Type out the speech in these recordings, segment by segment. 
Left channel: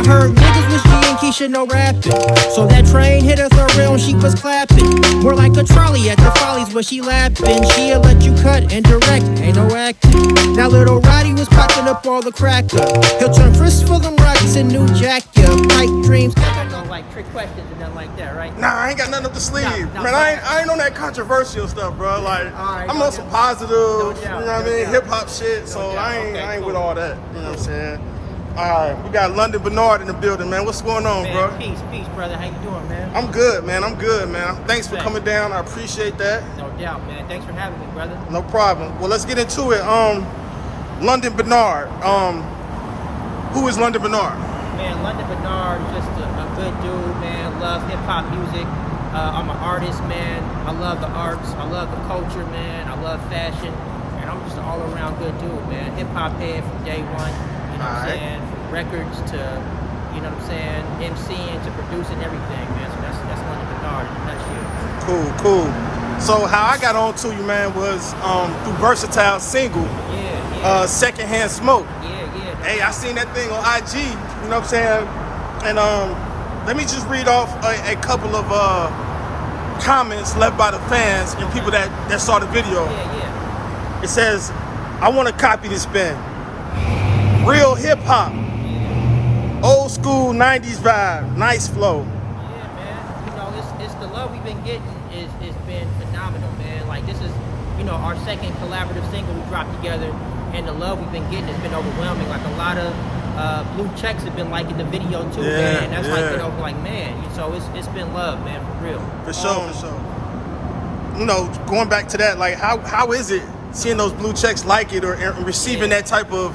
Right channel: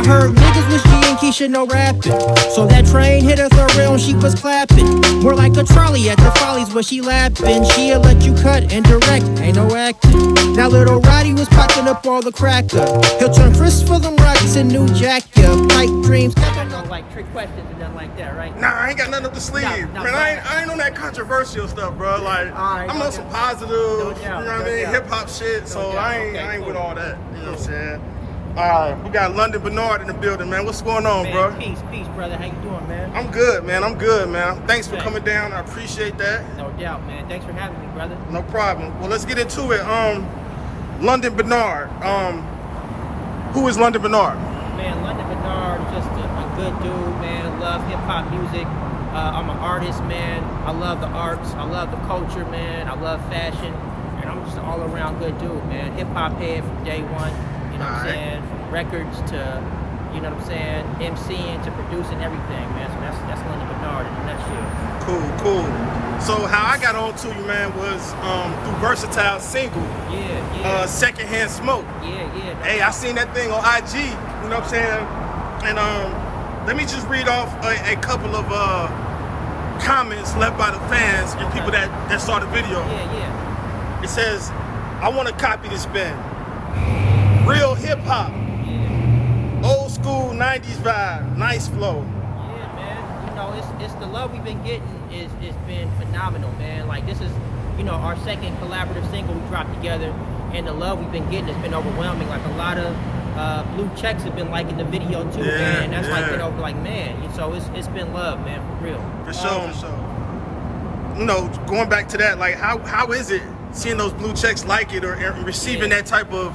I heard niggas wish G and Keisha no rapping. So that train hit her real and she was clapping. More like a trolley at the Follies where she lapping. She'll let you cut and direct, ain't no acting. Now little Roddy was popping up all the cracker. He'll turn Chris for them Rockies and New Jack, yeah. Pipe dreams. I don't like trick questions and nothing like that, right? Nah, I ain't got nothing up the sleeve. No, Man, I ain't on that controversial stuff, bro. Like, right, I'm on some positive, you know what I mean, hip hop shit. So I ain't with all that. You know what I'm saying? All right, we got Lunden Benard in the building, man. What's going on, man, bro? Peace, brother. How you doing, man? I'm good, man. Thanks for coming down. I appreciate that. No doubt, man. Thanks for having me, brother. No problem. Well, let's get into it. Lunden Benard. Who is Lunden Benard? Man, Lunden Benard is just a good dude, man. Love hip hop music. I'm an artist, man. I love the arts. I love the culture, man. I love fashion, and I'm just an all-around good dude, man. Hip hop head from day one. You know what I'm saying? From records to, you know what I'm saying, MCing to producing everything, man. So that's Lunden Benard in a nutshell. Cool. So how I got on to you, man, was through Versatile single. Yeah. Secondhand Smoke. Yeah. Hey, I seen that thing on IG. You know what I'm saying? And let me just read off a couple of comments left by the fans and people that saw the video. Yeah. It says, "I want to copy this pen. Real hip hop, old school 90s vibe, nice flow." Yeah, man. You know, it's the love we've been getting is been phenomenal, man. Like, this is, you know, our second collaborative single we dropped together, and the love we've been getting has been overwhelming. Like, a lot of blue checks have been liking the video too, man. And that's like been over, like, man. So it's been love, man, for real. For sure. You know, going back to that, like, how is it seeing those blue checks like it or receiving that type of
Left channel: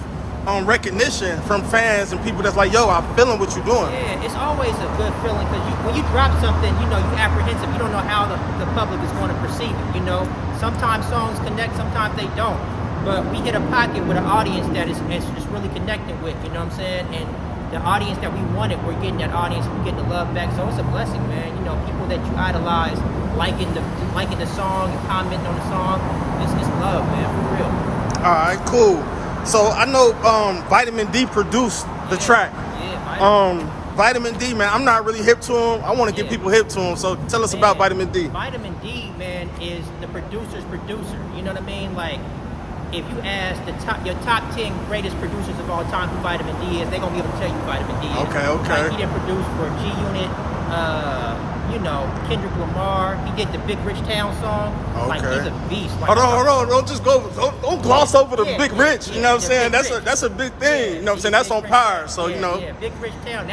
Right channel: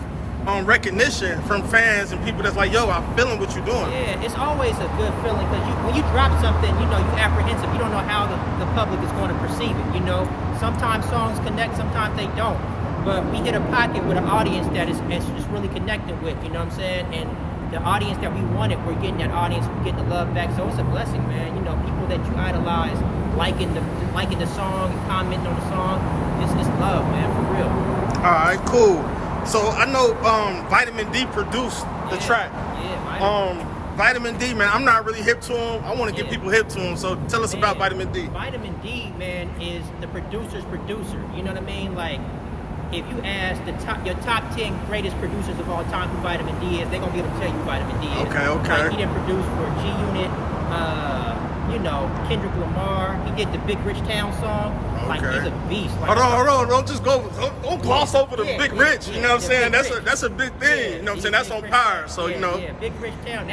recognition from fans and people that's like, yo, I'm feeling what you're doing? Yeah, it's always a good feeling because when you drop something, you know, you apprehensive. You don't know how the public is going to perceive it, you know. Sometimes songs connect, sometimes they don't. But we hit a pocket with an audience that is really connecting with, you know what I'm saying? And the audience that we wanted, we're getting that audience and getting the love back. So it's a blessing, man. You know, people that you idolize, liking the song and commenting on the song, it's love, man, for real. All right, cool. So I know Vitamin D produced the track. Yeah, Vitamin D, man, I'm not really hip to him. I want to get people hip to him. So tell us about Vitamin D. Vitamin D, man, is the producer's producer. You know what I mean? Like, if you ask your top 10 greatest producers of all time who Vitamin D is, they're going to be able to tell you who Vitamin D is. Okay. Like, he did produce for G-Unit, you know, Kendrick Lamar. He did the Big Rich Town song. Okay. Like, he's a beast. Like, hold on. Don't gloss over the Big Rich. You know what I'm saying? That's a big thing. You know what I'm saying? That's on Pyre. So, you know. Yeah, Big Rich Town.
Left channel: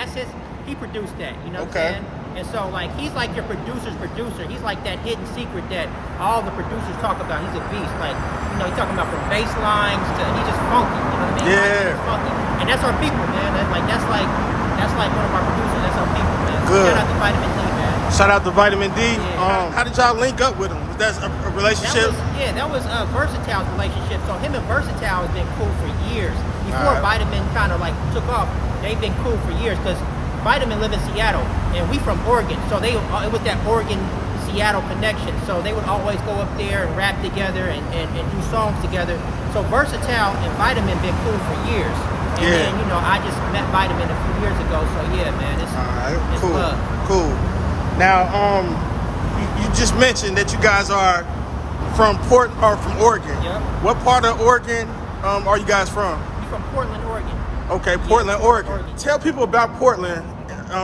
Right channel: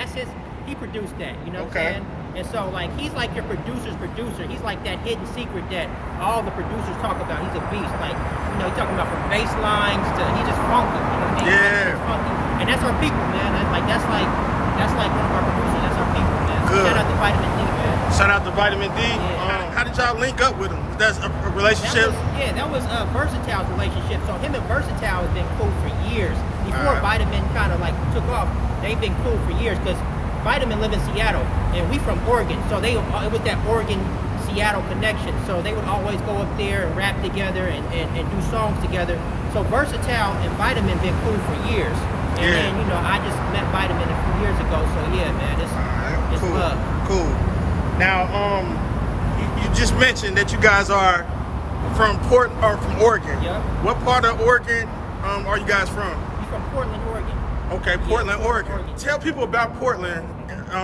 He produced that. You know what I'm saying? And so, like, he's like your producer's producer. He's like that hidden secret that all the producers talk about. He's a beast. Like, you know, he's talking about from bass lines to, he's just funky. You know what I mean? Yeah. Funky. And that's our people, man. That's like one of our producers. That's our people, man. So good. Shout out to Vitamin D, man. Shout out to Vitamin D. Yeah. How did y'all link up with him? Was that a relationship? That was Versatile's relationship. So him and Versatile have been cool for years. Before Vitamin kind of like took off, they've been cool for years because Vitamin live in Seattle, and we from Oregon, so it was that Oregon-Seattle connection. So they would always go up there and rap together and do songs together. So Versatile and Vitamin been cool for years. And then, you know, I just met Vitamin a few years ago. So yeah, man, it's cool. love. Cool. Now, you just mentioned that you guys are from Oregon. Yep. What part of Oregon are you guys from? We from Portland, Oregon. Okay, Portland, Oregon. Tell people about Portland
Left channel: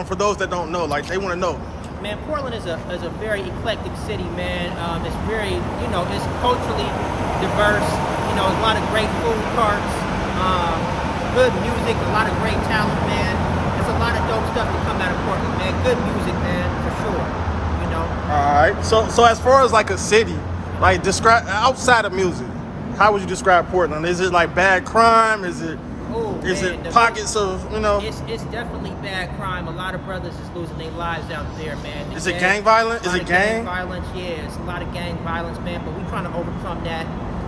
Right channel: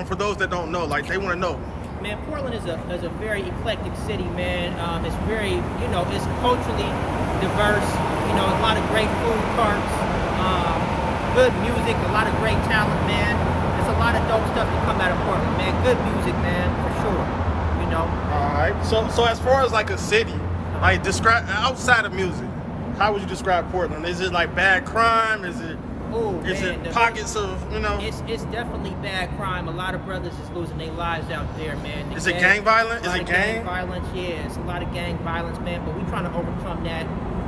for those that don't know, like they want to know. Man, Portland is a very eclectic city, man. It's very, you know, it's culturally diverse. You know, a lot of great food carts, good music, a lot of great talent, man. There's a lot of dope stuff to come out of Portland, man. Good music, man, for sure. You know. All right. So as far as like a city, like describe outside of music, how would you describe Portland? Is it like bad crime? Is it pockets of, you know? It's definitely bad crime. A lot of brothers is losing their lives out there, man. Is it gang violence? A lot of gang violence, yeah. It's a lot of gang violence, man. But we're trying to overcome that.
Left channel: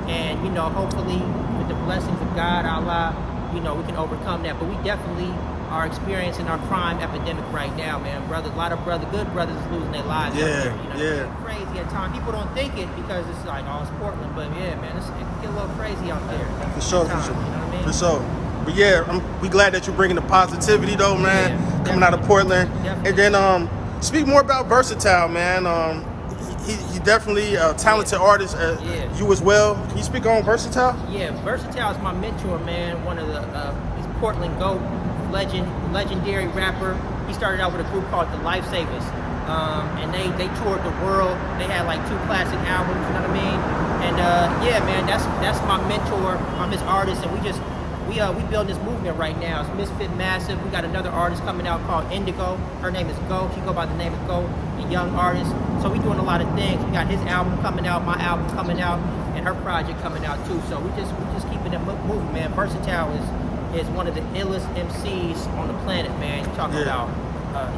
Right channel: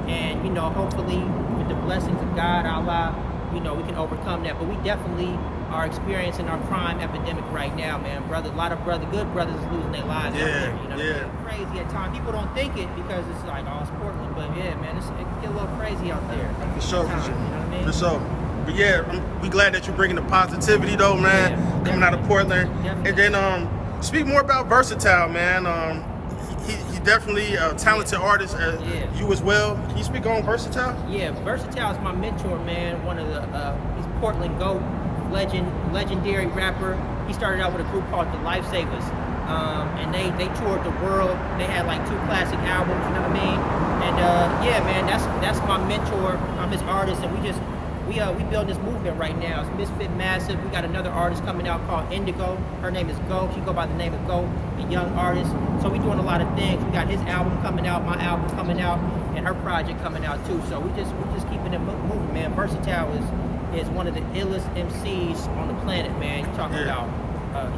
And, you know, hopefully with the blessings of God, Allah, you know, we can overcome that. But we definitely are experiencing our crime epidemic right now, man. A lot of good brothers is losing their lives out there. You know what I mean? Crazy at times. People don't think it because it's like, oh, it's Portland. But yeah, man, it can get a little crazy out there. For sure. You know what I mean? For sure. But yeah, we glad that you're bringing the positivity though, man. Yeah, coming out of Portland. Definitely. And then speak more about Versatile, man. He definitely a talented artist. You as well. Can you speak on Versatile? Yeah, Versatile is my mentor, man. One of the he's Portland GOAT, legendary rapper. He started out with a group called the Lifesavers, and they toured the world. They had like 2 classic albums, you know what I mean? And yeah, man, that's my mentor. I'm his artist, and we build this movement right now. It's Misfit Massive. We got another artist coming out called Indigo. Her name is Go. She go by the name of Go, a young artist. So we doing a lot of things. We got his album coming out, my album coming out, and her project coming out too. So we just keeping it moving, man. Versatile is one of the illest MCs on the planet, man. You talking about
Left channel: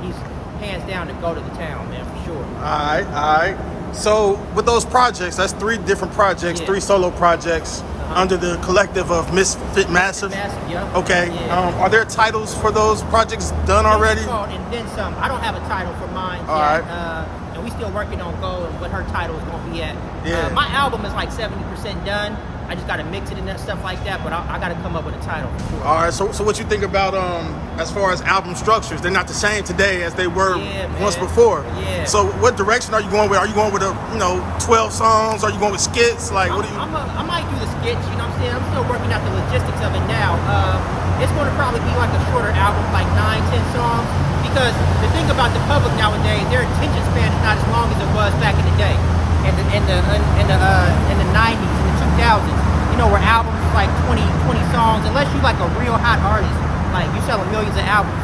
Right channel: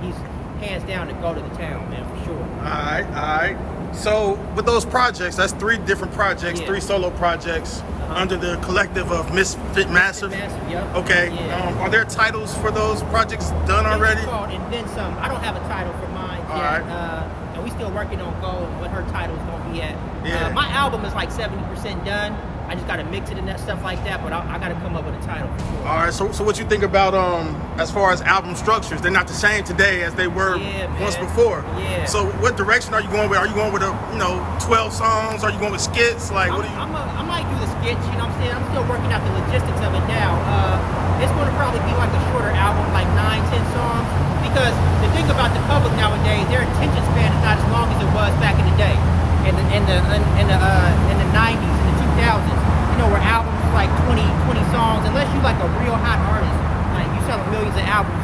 he's hands down to go to the town, man, for sure. All right. So with those projects, that's 3 different projects, 3 solo projects under the collective of Misfit Massive. Yep. Okay. Yeah. Are there titles for those projects done already? It's called And Then Some. I don't have a title for mine yet. Right. And we still working on Go and what her title is going to be at. Yeah. My album is like 70% done. I just got to mix it and that stuff like that, but I got to come up with a title for sure. All right, so what you think about as far as album structures? They're not the same today as they were once before. Yeah. So what direction are you going with? Are you going with 12 songs? Are you going with skits? Like what do you? I might do the skits. You know what I'm saying? I'm still working out the logistics of it now. It's going to probably be like a shorter album, like 9-10 songs. Because the thing about the public nowadays, their attention span is not as long as it was back in the day, in the 90s, in the 2000s. You know, where albums was like 20 songs, unless you like a real hot artist, like you selling millions of albums,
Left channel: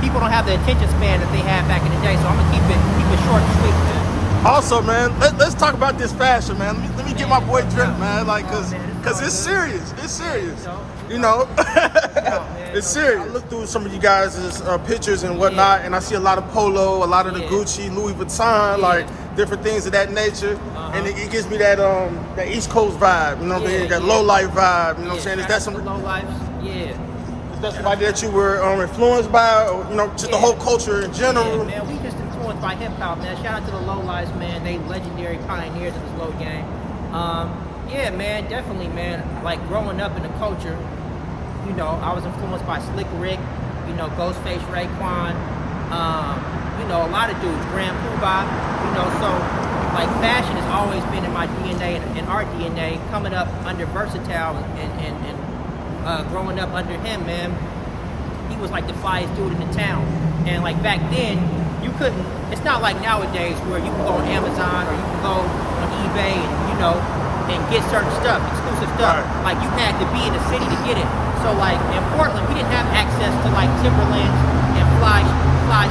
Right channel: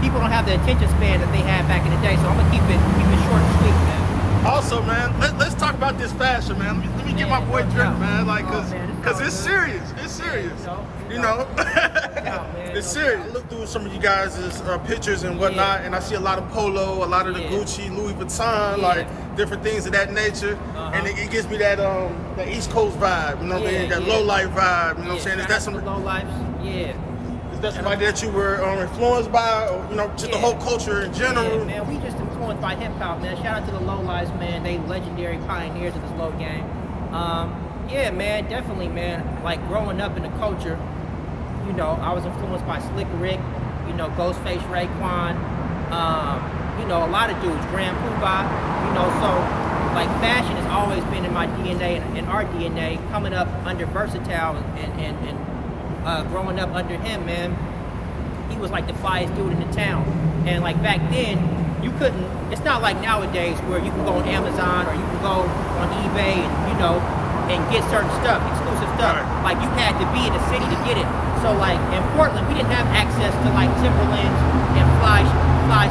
people don't have the attention span that they had back in the day. So I'm gonna keep it short and sweet, man. Also, man, let's talk about this fashion, man. Let me get my boy Drake, man, like, cause it's serious. It's serious. You know, it's serious. I look through some of you guys' pictures and whatnot, and I see a lot of polo, a lot of the Gucci, Louis Vuitton, like different things of that nature, and it gives me that that East Coast vibe. You know what I mean? That low life vibe. You know what I'm saying? Is that some low life? Yeah. That's somebody that you were influenced by, or just the whole culture in general? Yeah, man, we just influenced by hip hop, man. Shout out to the Low Lives, man. They legendary pioneers of this low game. Yeah, man, definitely, man. Like growing up in the culture, I was influenced by Slick Rick, Ghostface Raekwon, a lot of dudes, Grand Poobah, so like fashion has always been in my DNA and our DNA. Coming up under Versatile and growing up under him, man, he was like the flyest dude in the town. And like back then, you couldn't, it's not like nowadays where you can go on Amazon or you can go on eBay and get certain stuff, exclusive stuff. Like you had to be in the city to get it. So like in Portland, we didn't have access to like Timberlands and fly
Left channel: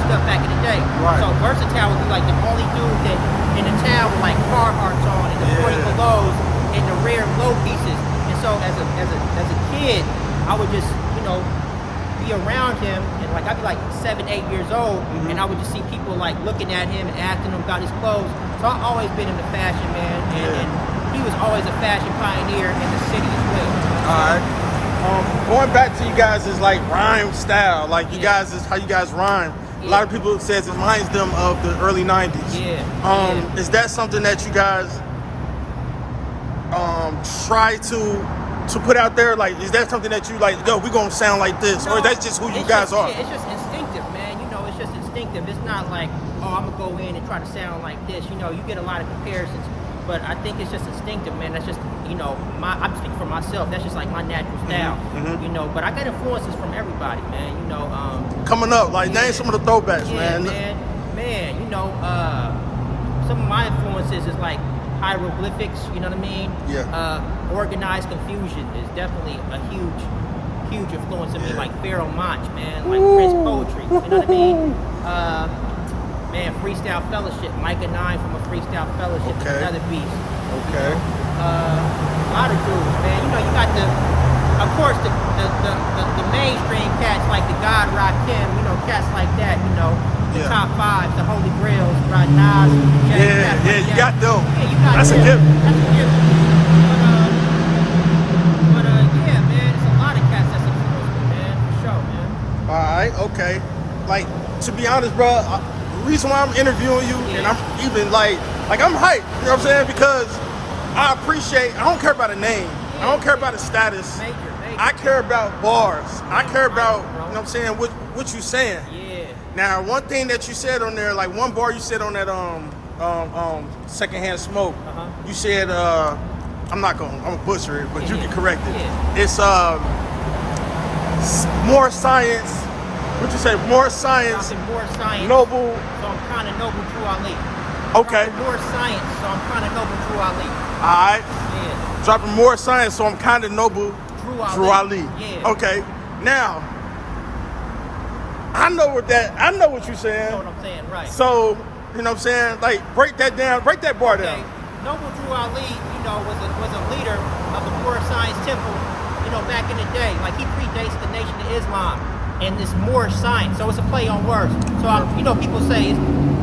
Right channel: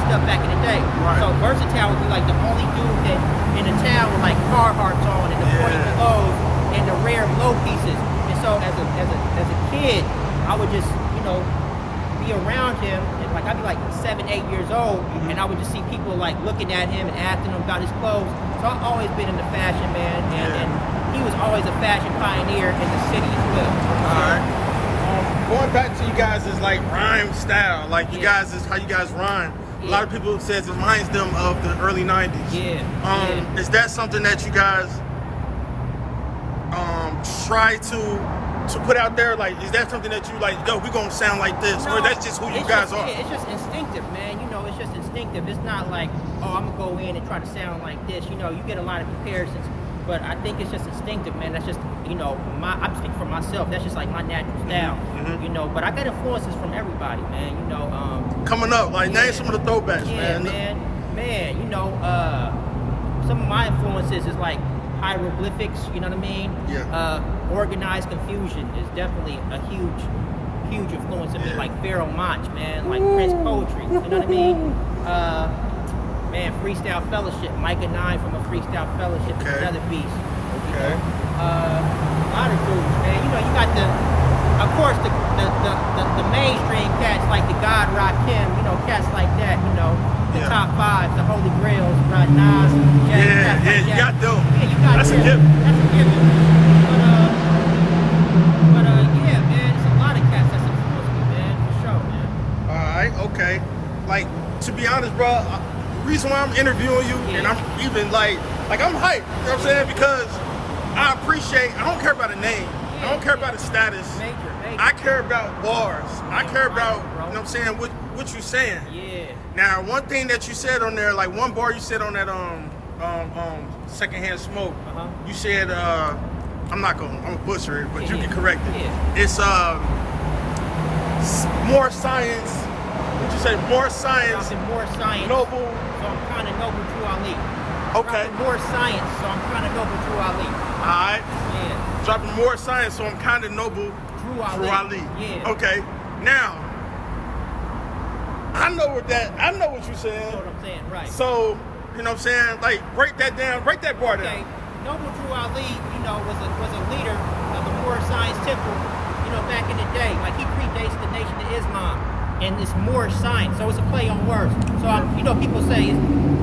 stuff back in the day. Right. So Versatile would be like the only dude that in the town with like Carhartts on and the 40 belows and the rare low pieces. And so as a kid, I would just, be around him, and like I'd be like 7, 8 years old, and I would just see people like looking at him and asking him about his clothes. So I've always been into fashion, man, and he was always a fashion pioneer in the city as well. Going back to you guys' like rhyme style, like you guys is how you guys rhyme. A lot of people says it reminds them of the early 90s. Is that something that you guys try to put out there? Like, is that something that you like, yo, we gonna sound like this? No, or that's just who you guys are? Yeah, it's just instinctive, man. It's just instinctive. It's not like, oh, I'm gonna go in and try to sound like this. You get a lot of comparisons, but I think it's just instinctive, man. That's just, I'm speaking for myself. That's just like my natural style, But I got influences from everybody, man. Coming up, like name some of the throwbacks, man. Some of my influences is like hieroglyphics, you know what I mean? Yeah. Organized confusion is definitely a huge influence of me, like Pharaoh Monch, man, like Prince Poetry, you know what I mean? Man, Freestyle Fellowship, Micah 9 from a Freestyle Fellowship is another beast, a lot of dudes, man. You got of course, the mainstream cats like the God Rakim, cats like that, the top 5, the Holy Grails, Nas, cats like that. You got them. Yeah, you got That's them. a given. That's a given. But yeah, man, it's a lot of cats that's influenced me, man, for sure, man. All right, okay. Like, to be honest, bro, the reason why I'm interviewing you, and I'm even like I'm hyped, you know what I'm saying? Because I don't care about a name. I don't care about the status. Major. I care about bars. I care about, bro. you know what I'm saying, what you saying. Yeah. Now, one thing that you said on there, like one bar you said on that secondhand smoke, you said I'm gonna butcher it, but you can correct it. Yeah. It's more science. What you say? More science. Dropping more science. Noble. So I'm kind of Noble Drew Ali. Okay. Dropping more science. So I'm kind of Noble Drew Ali. All right. Yeah. Dropping more science, so I'm kind of Noble Drew Ali. Drew Ali. Yeah. Okay. Now, I know what you're saying. You know what I'm saying, right? So, you know what I'm saying? Like, break that down, break that bar down. Noble Drew Ali, you know, was a leader of the Core Science Temple, you know, back in the day. Like, he predates the Nation of Islam, and it's more science. So it's a play on words. So, you know, people say it's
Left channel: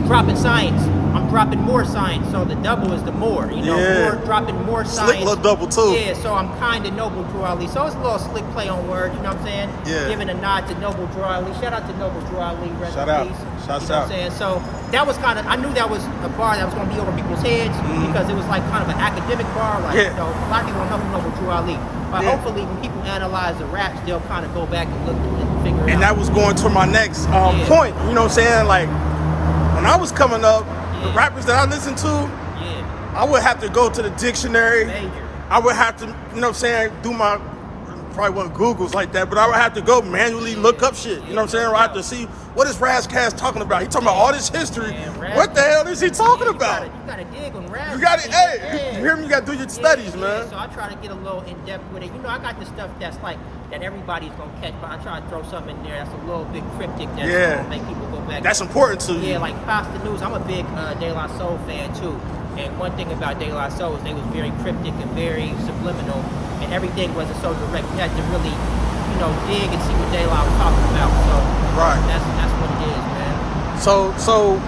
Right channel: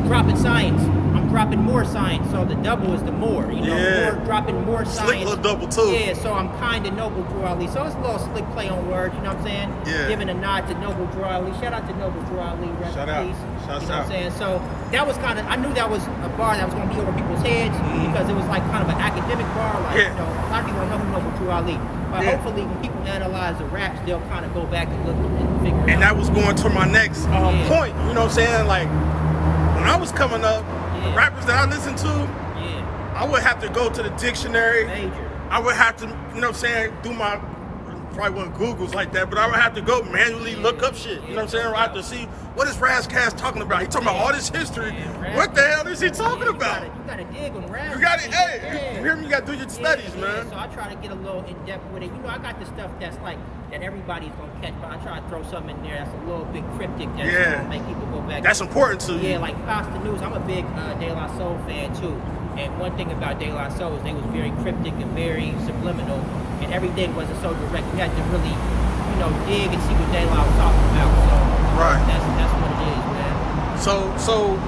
dropping science. I'm dropping more science. So the double is the more, you know, more dropping more science. Slick little double, too. Yeah, so I'm kind of Noble Drew Ali. So it's a little slick play on words, you know what I'm saying? Yeah. Giving a nod to Noble Drew Ali. Shout out to Noble Drew Ali. Rest Shout in out. peace. Shouts You know what out. I'm saying? So that was kind of, I knew that was a bar that was going to be over people's heads because it was like kind of an academic bar. Like, you know, a lot of people don't know who Noble Drew Ali. But hopefully when people analyze the raps, they'll kind of go back and look and figure it out. And that was going to my next point. You know what I'm saying? Like, when I was coming up, the rappers that I listened to, I would have to go to the dictionary. Major. I would have to, you know what I'm saying, do my, probably wasn't Googles like that, but I would have to go manually look up shit. You know what I'm saying? Or I have to see, what is Razcast talking about? He talking about all this history. What the hell is he talking about? You gotta dig on Raz. You got it. Hey, you hear me? You got to do your studies, man. So I try to get a little in depth with it. You know, I got the stuff that's like that everybody's gonna catch, but I try to throw something in there that's a little bit cryptic that's gonna make people go back. That's important to you. Yeah, like Pasta News. I'm a big De La Soul fan too. And one thing about De La Soul is they was very cryptic and very subliminal, and everything wasn't so direct. You had to really, you know, dig and see what De La was talking about. So that's what it is, man. So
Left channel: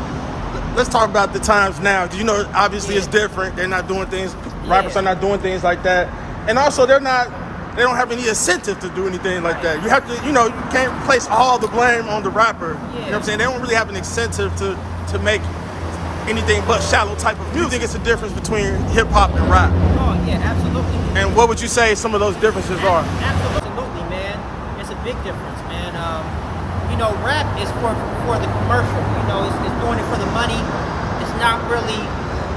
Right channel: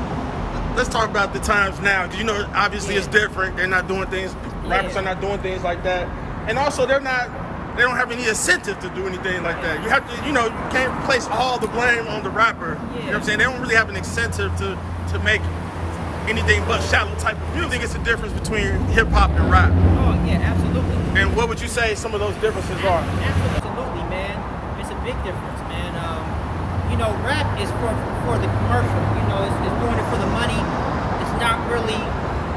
let's talk about the times now. You know, obviously it's different. They're not doing things. Rappers are not doing things like that, and also they don't have any incentive to do anything like that. You have to, you know, you can't place all the blame on the rapper. You know what I'm saying? They don't really have an incentive to make anything but shallow type of music. Do you think it's a difference between hip hop and rap? Oh yeah, absolutely. And what would you say some of those differences are? Absolutely, man. It's a big difference, man. You know, rap is for the commercial. You know, it's doing it for the money. It's not really.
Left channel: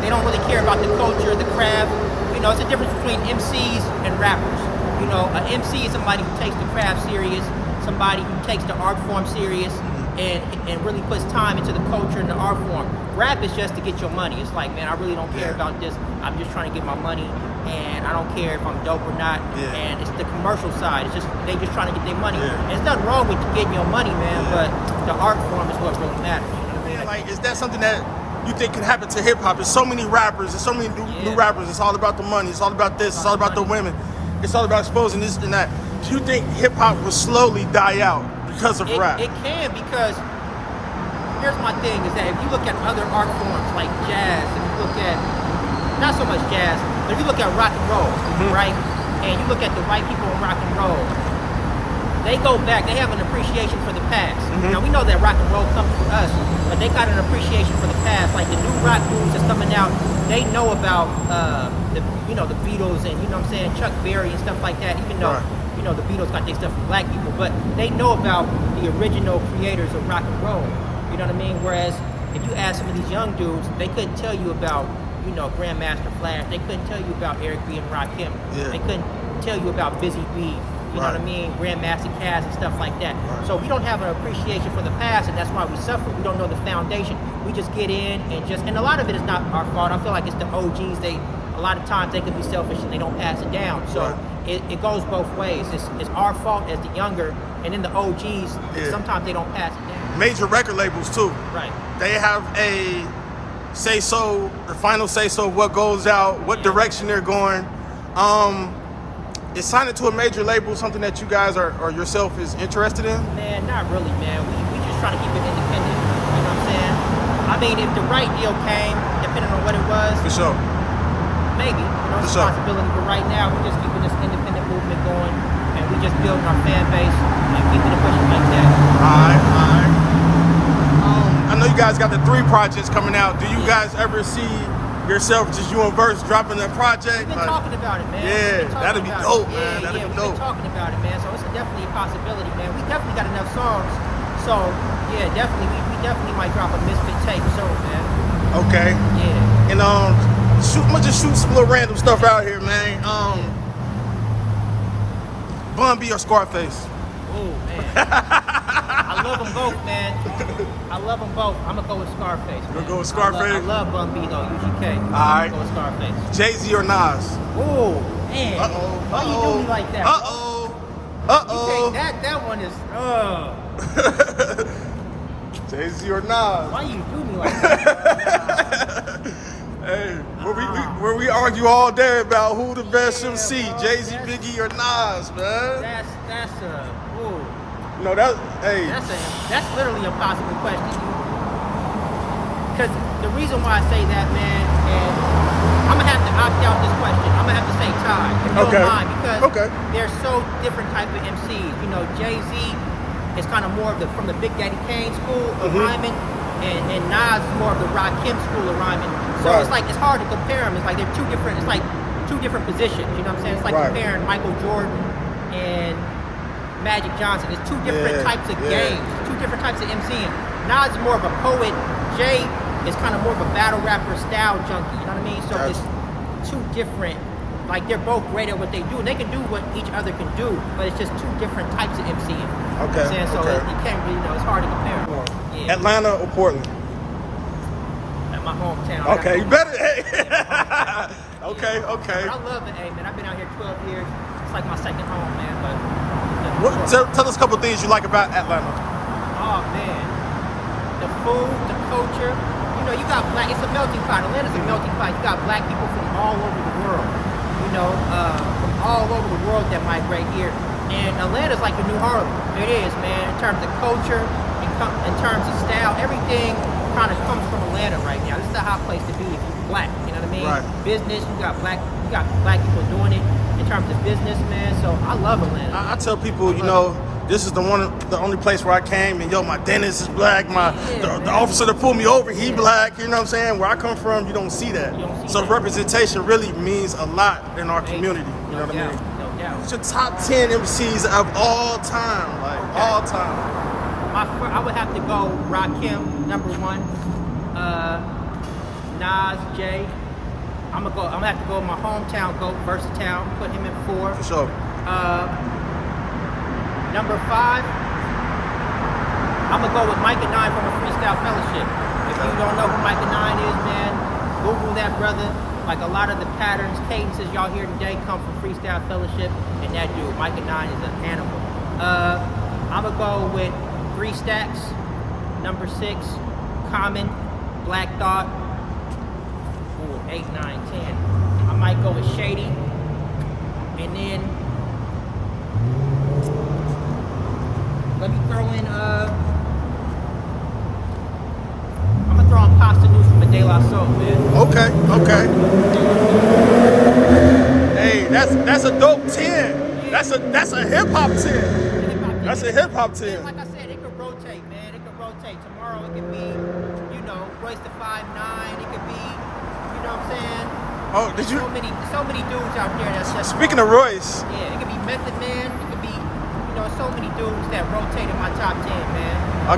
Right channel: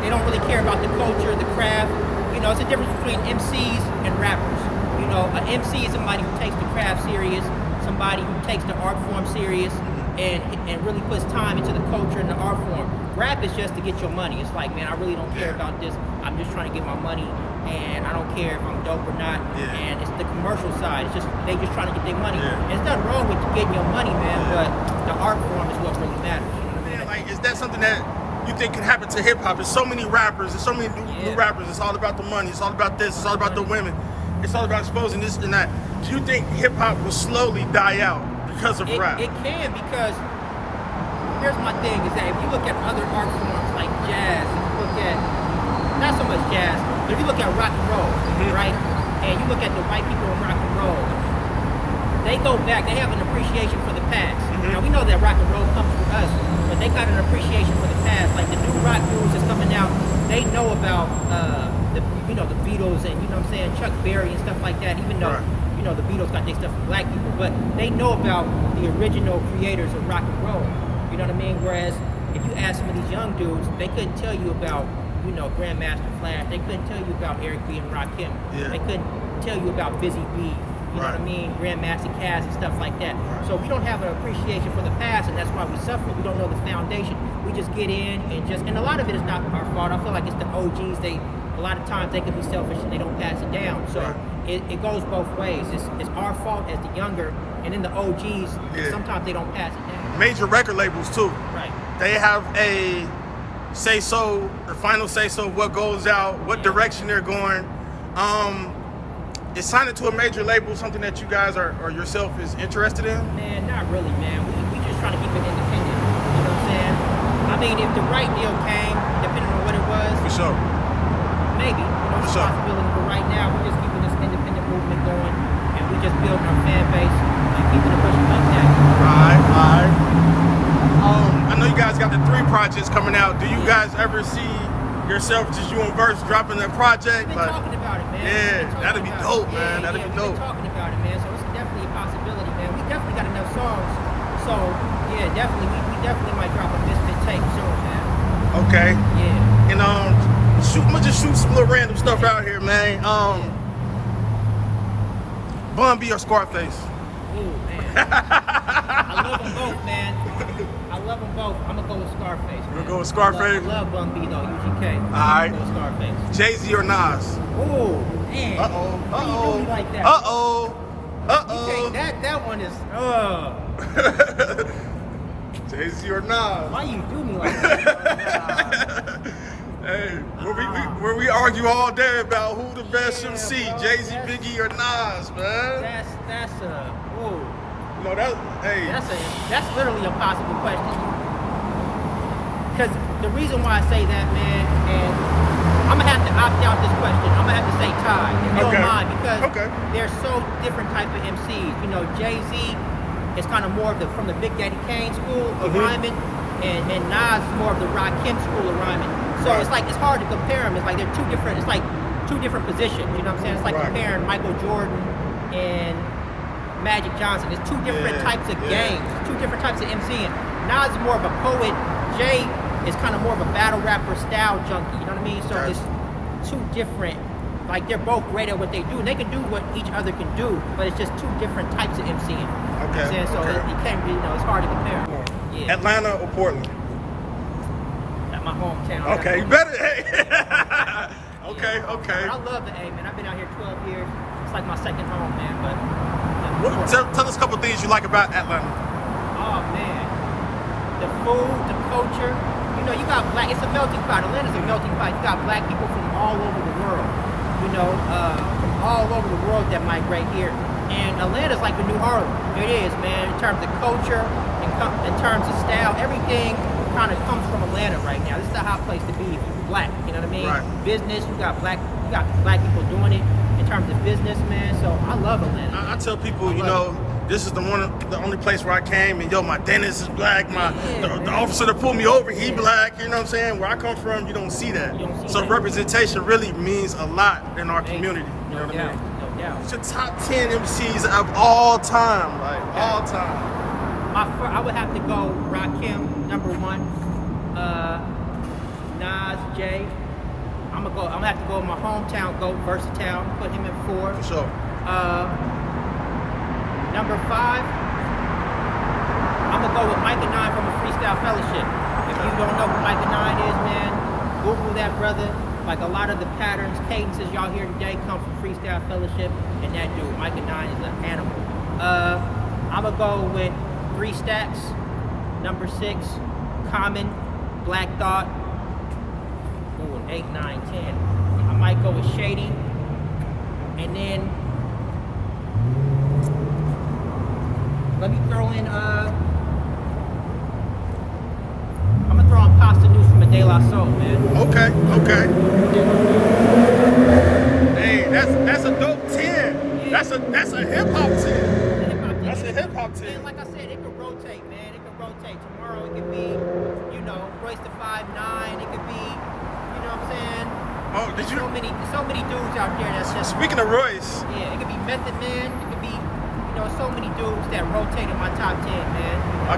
They don't really care about the culture, the craft. You know, it's a difference between MCs and rappers. You know, an MC is somebody who takes the craft serious, somebody who takes the art form serious, and really puts time into the culture and the art form. Rap is just to get your money. It's like, man, I really don't care about this. I'm just trying to get my money, and I don't care if I'm dope or not. And it's the commercial side. It's just they just trying to get their money. And there's nothing wrong with getting your money, man, but the art form is what really matters. Yeah, like, is that something that you think could happen to hip hop? There's so many rappers, there's so many new rappers. It's all about the money. It's all about this. It's all about the women. It's all about exposing this and that. Do you think hip hop will slowly die out because of rap? It can, because here's my thing is that if you look at other art forms like jazz, you look at, not so much jazz, but if you look at rock and roll, right? And you look at the white people in rock and roll, they go back, they have an appreciation for the past. Now we know that rock and roll comes from us, but they got an appreciation for the past. Like the new rock dudes that's coming out, they know about the Beatles and, you know what I'm saying, Chuck Berry and stuff like that, even though you know the Beatles got their stuff from black people, but they know about the original creators of rock and roll. You know what I mean? Whereas if you ask some of these young dudes, they couldn't tell you about, you know, Grandmaster Flash. They couldn't tell you about Eric B. and Rakim. They couldn't tell you about Busy Bee. You know what I mean? Grandmaster Caz and stuff like that. So we don't have an appreciation for the past, and that's why we suffer. We don't know the foundation. We just get in and a lot of it is not our fault. I feel like it's the OGs. A lot of times they can be selfish and they don't pass it down. So it goes both ways. It's our fault as the younger, and then the OGs, sometimes they don't pass it down. Major record labels too. Right. They have a say-so, the final say-so, what goes out, what direction they're going. Is signing to a major label something that you guys or yourself is interested in? Man, not really, man. We just try to keep it independent. You know what I'm saying? I mean, if the right deal came, depending on what it was, For sure. maybe. You know, responsibility. But right now, we're just keeping this independent movement going, and we just building our fan base and keeping it pushing like that. All right. I know you guys got the 3 projects coming out. Do you guys ever see yourself, just you and Verse dropping that project. We've been Like, talking about it, man. yeah, that'd be dope, man. That'd be dope. We've been talking about it, man. So it's definitely a possibility, man. We definitely got enough songs. So yeah, definitely, we definitely might drop a Misfit tape soon, man. Okay. Yeah. And I'm gonna just shoot some little random stuff out here, man. Bun B or Scarface? Ooh, man. I love them both, man. I love them both. I'm gonna go with Scarface. Man. You gonna go with Scarface? I love Bun B though, UGK. All right. Go with Scarface. Jay-Z or Nas? Oh, man. Uh-oh. Why you do me like that? Uh-oh. Uh-oh. That one is. Jay-Z or Nas? Why you do me like that? Nah. Hey, where we argue all day about who the best Yeah, MC, bro, Jay-Z, that's- Biggie, or Nas, man. That's a. Ooh. You know that. Hey, That's literally a possible question. Because the reason why I say that, man, and I'm gonna have to opt out this question. I'm gonna have to say tie, if you Okay. don't mind, because Okay. they're so different type of MCs. You know, Jay-Z is kind of more of from the Big Daddy Kane school of rhyming, and Nas is more of the Rakim school of rhyming. So Right. it's like it's hard to compare them. It's like they're two different. It's like two different positions. You know what I'm saying? It's like Right. comparing Michael Jordan and Magic Johnson. It's two different Yeah, types of yeah. games, two different types of MCing. Nas is more of a poet. Jay is kind of more of a battle rapper style junkie. You know what I mean? So Gotcha. it's two different. Like they're both great at what they do, and they can do what each other can do, but it's just two different types of MCing. You know what I'm Okay, saying? So okay. you can't really, it's hard to compare. Yeah. Atlanta or Portland? At my hometown. Okay, you better. Hey. Okay, Yeah. okay. But I love the A, man. I've been out here 12 years. It's like my second home, man. But Tell us a couple things you like about Atlanta. oh man, the food, the culture. You know, you got black. It's a melting pot. Atlanta's a melting pot. You got black people from all over the world. You know, from all over the world that migrate here. And Atlanta's like the new Harlem. It is, man. In terms of culture, in terms of style, everything kind of comes from Atlanta right now. This is a hot place to be if you're black. You know what I mean? Right. Business, you got black people doing it in terms of business, man. So I love Atlanta. I tell people, you love know, this is the only place where I came, and yo, my dentist is black. Yeah, The man. officer that pulled me over, he Yeah. black. You know what I'm saying? Where I come from, you don't see that. You don't see So that. representation really means a lot in our Amazing. community. You know No what doubt, I mean? no doubt. It's your top 10 MCs of all time, like Okay. all time. I would have to go Rakim, number one. Nas, Jay. I'm gonna have to go with my hometown goat, Versatile. Put him in 4. For sure. Number 5. I'm gonna go with Micah 9 from a Freestyle Fellowship. If you don't know who Micah 9 is, man, Google that brother. Like a lot of the patterns, cadences y'all hear today come from Freestyle Fellowship, and that dude, Micah 9, is an animal. I'm gonna go with 3 Stacks, number 6, Common, Black Thought. Ooh, 8, 9, 10. I might go with Shady, and then let me throw in. I'm gonna throw in Pasta News from a De La Soul, man. Okay. Hey, that's a dope 10. That's a hip hop 10. That's a hip hop 10. And like I said, it could rotate, man. It could rotate. Tomorrow it could be, you know, Royce the 5'9". It could be, you know what I'm saying? Oh, did There's you? so many dudes out there that's just Speaking of Royce, yeah, it could be Method Man. It could be, you know, so many dudes that rotate in my top 10, man. I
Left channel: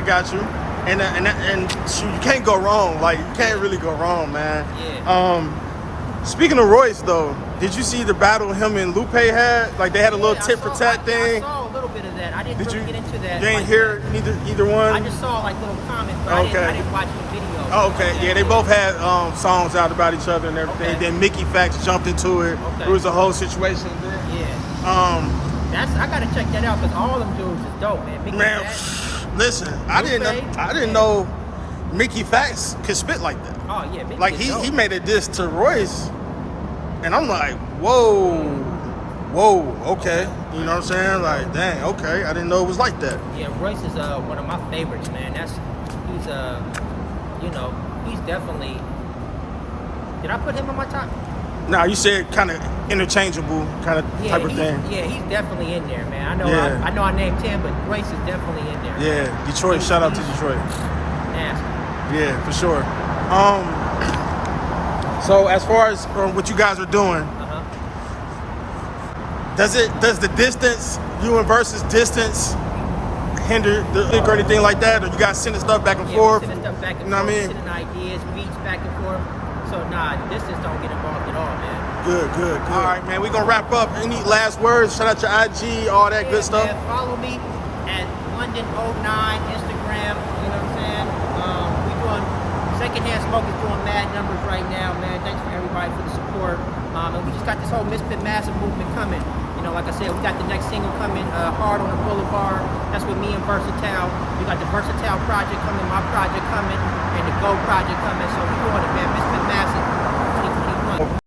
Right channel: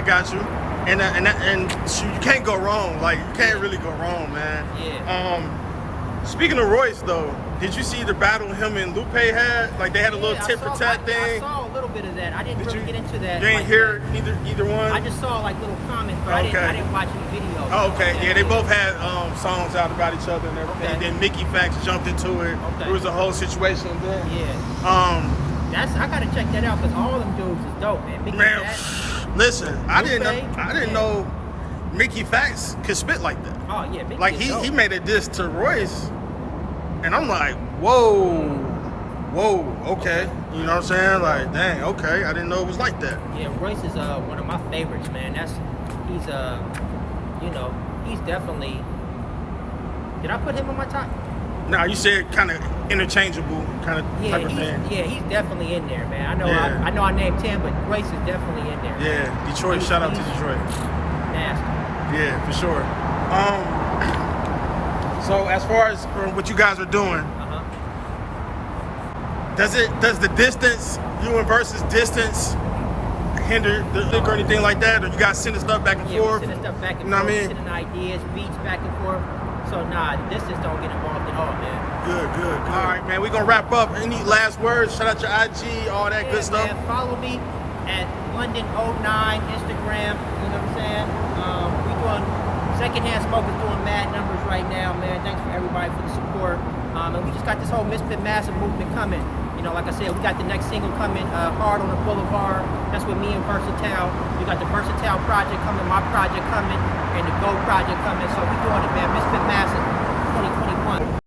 got you. And shoot, you can't go wrong. Like you can't really go wrong, man. Yeah. Speaking of Royce, though, did you see the battle him and Lupe had? Like they had a little tit for tat I thing. saw a little bit of that. I didn't Did really you get into that. You ain't like hear that. either one. I just saw like little comments, but Okay. I didn't watch any videos. Oh, okay. like that. Yeah, they both had songs out about each other and everything. Okay. Then Mickey Fax jumped into it. Okay. It was a whole situation then. Yeah. I gotta check that out because all them dudes is dope, man. Mickey Man, Fax. listen, I didn't Yeah. know Mickey Fax could spit like that. Oh yeah, Mickey Like is he dope. made a diss to Royce, and I'm like, whoa, okay. You know what I'm saying? Like, dang, okay. I didn't know it was like that. Yeah, Royce is one of my favorites, man. He's you know, he's definitely. Did I put him on my top? Now you said kind of interchangeable kind of Yeah, type of thing. he's definitely in there, man. I know Yeah. I know I named 10, but Royce is definitely in there. Yeah, Detroit. Shout out to He's Detroit. Nasty. Yeah, for sure. So as far as what you guys are doing, does the distance, you and versus distance, hinder the link or anything like that? Or you guys sending stuff back and forth? Yeah, we sending stuff back and You know forth. what I mean? Sending ideas, beats back and forth. So nah, distance don't get involved at all, man. Good. All right, man. We're gonna wrap up. Any last words? Shout out your IG, all that good stuff. Man, follow me at Lunden09 Instagram. You know what I'm saying? We doing secondhand smoke is doing mad numbers right now, man. Thanks for everybody for the support. And we just got this whole Misfit massive movement coming. You know, like I said, we got the next single coming, Hard on the Boulevard. That's with me and Versatile. We got the Versatile project coming, my project coming, and the Go project coming. So we doing it, man. Misfit massive 2021.